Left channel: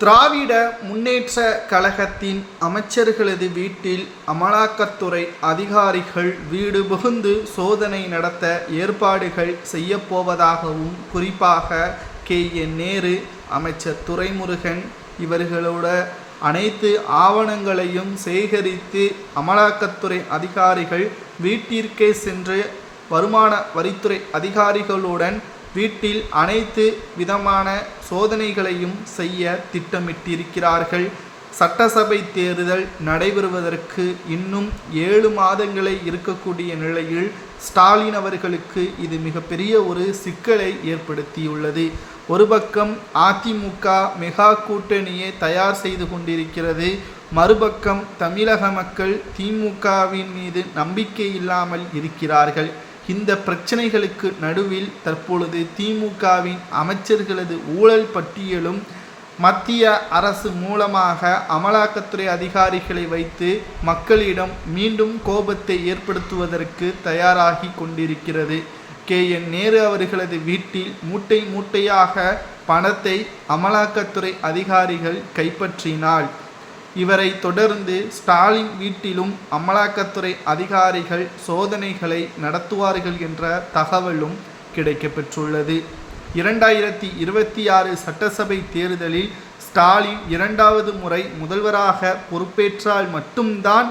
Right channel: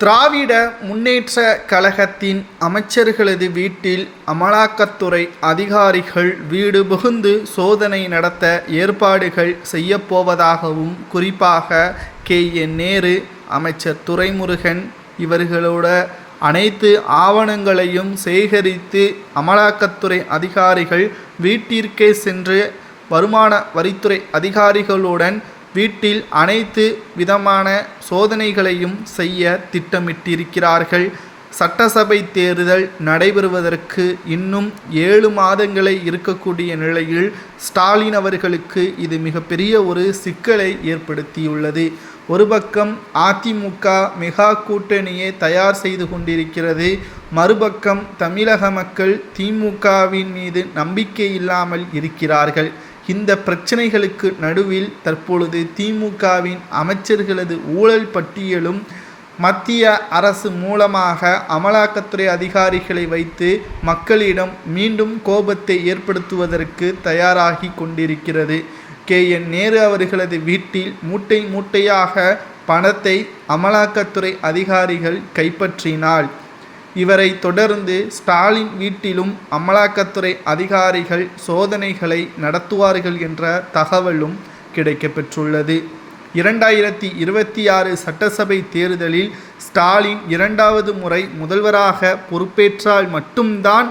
திராவிட முன்னேற்ற கழகத்தின் அமைச்சர்களது வீட்டில் அமலாக்கத்துறை அதிகாரிகள் வீடு புகுந்து சோதனை நடத்த ஏற்பாடுகள் செய்யப்போவதாகவும், குறிப்பாக நேரு, அமைச்சர் துரைமுருகன் இவர்களோட அனைத்து ஆவணங்களையும் சேகரித்து அமலாக்கத்துறை அதிகாரிகள் வீட்டிற்கே சென்று வருமான வரித்துறை அதிகாரிகளுடன் வீட்டில் அனைத்து விதமான சோதனைகளையும் செய்ய திட்டமிட்டிருக்கிறார்கள். சட்டசபை தேர்தல் நடைபெறுவதற்கு இன்னும் 7 மாதங்களே இருக்கக்கூடிய நிலையில் ஸ்டாலின் அவர்களுக்கு இது மிகப்பெரிய ஒரு சிக்கலை ஏற்படுத்தியுள்ளது. ஒரு பக்கம் அதிமுக மெகா கூட்டணியை தயார் செய்து கொண்டிருக்கிறது. மறுபக்கம் தமிழக மக்கள் திமுகவின் மீது நம்பிக்கை இல்லாமல் இருக்கிறார்கள். இந்த பிரச்சனைகளுக்கு நடுவில் தற்பொழுது திமுகவின் அமைச்சர்களது ஊழல் பட்டியலும் மத்திய அரசு மூலமாக அமலாக்கத்துறை அதிகாரிகளை வைத்து மக்களிடம் மீண்டும் கோபத்தை ஏற்படுத்துவதற்கு தயாராகி கொண்டிருக்கிறது. நேரு அவர்களது வீட்டில் மூட்டை மூட்டையாக பணத்தை அமலாக்கத்துறை அதிகாரிகள் கைப்பற்றினால், இவரை தொடர்ந்து ஸ்டாலின் வீட்டிலும் அமலாக்கத்துறை அதிகாரிகள் சோதனைகளை நடத்துவார்கள் என்ற தகவலும் கிடைக்கப்பெற்றுள்ளது. 2026 சட்டசபை தேர்தலில் ஸ்டாலின் 2வது முறை முதல்வராக பொறுப்பேற்றால் மட்டும்தான்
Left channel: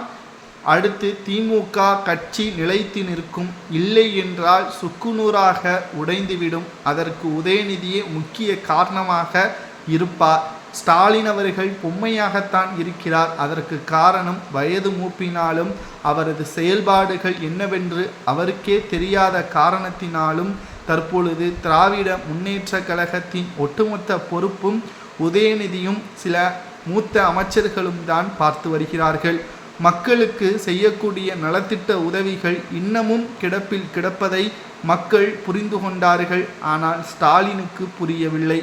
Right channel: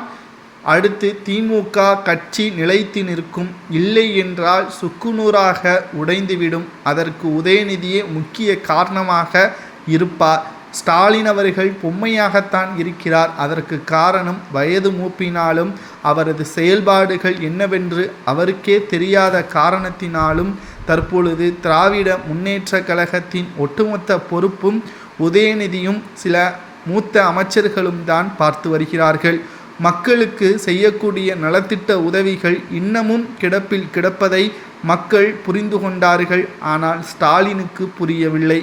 அடுத்து திமுக கட்சி நிலைத்து நிற்கும். இல்லை என்றால் சுக்குநூறாக உடைந்துவிடும். அதற்கு உதயநிதியே முக்கிய காரணமாக இருப்பார். ஸ்டாலின் அவர்கள் பொம்மையாகத்தான் இருக்கிறார். அதற்கு காரணம் வயது மூப்பினாலும் அவரது செயல்பாடுகள் என்னவென்று அவருக்கே தெரியாத காரணத்தினாலும் தற்பொழுது திராவிட முன்னேற்ற கழகத்தின் ஒட்டுமொத்த பொறுப்பும் உதயநிதியும் சில மூத்த அமைச்சர்களும் தான் பார்த்து வருகிறார்கள். மக்களுக்கு செய்யக்கூடிய நலத்திட்ட உதவிகள் இன்னமும் கிடப்பில் கிடப்பதை மக்கள் புரிந்து கொண்டார்கள். ஆனால் ஸ்டாலினுக்கு புரியவில்லை.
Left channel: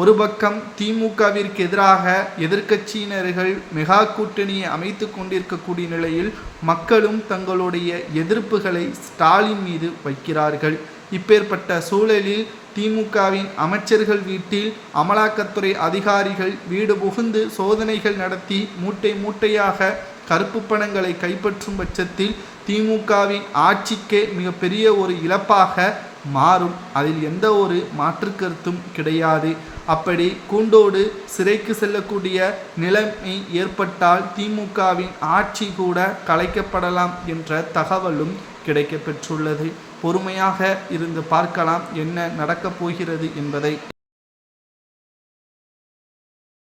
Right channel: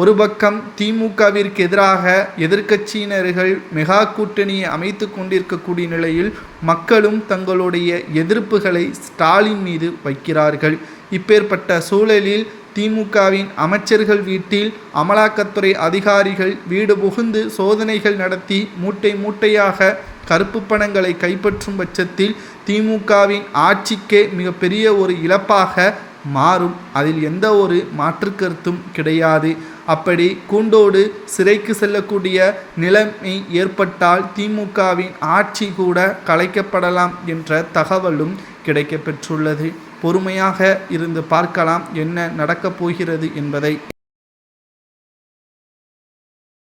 ஒரு பக்கம் திமுகவிற்கு எதிராக எதிர்க்கட்சியினர்கள் மெகா கூட்டணியை அமைத்து கொண்டிருக்கக்கூடிய நிலையில் மக்களும் தங்களுடைய எதிர்ப்புகளை ஸ்டாலின் மீது வைக்கிறார்கள். இப்பேற்பட்ட சூழலில் திமுகவின் அமைச்சர்கள் வீட்டில் அமலாக்கத்துறை அதிகாரிகள் வீடு புகுந்து சோதனைகள் நடத்தி மூட்டை மூட்டையாக கருப்பு பணங்களை கைப்பற்றும் பட்சத்தில் திமுகவின் ஆட்சிக்கே மிகப்பெரிய ஒரு இழப்பாக மாறும். அதில் எந்த ஒரு மாற்று கருத்தும் கிடையாது. அப்படி கூண்டோடு சிறைக்கு செல்லக்கூடிய நிலைமை ஏற்பட்டால் திமுகவின் ஆட்சி கூட கலைக்கப்படலாம் என்ற தகவலும் கிடைக்கப்பெற்றுள்ளது. பொறுமையாக இருந்து பார்க்கலாம் என்ன நடக்கப் போகிறது என்பதை.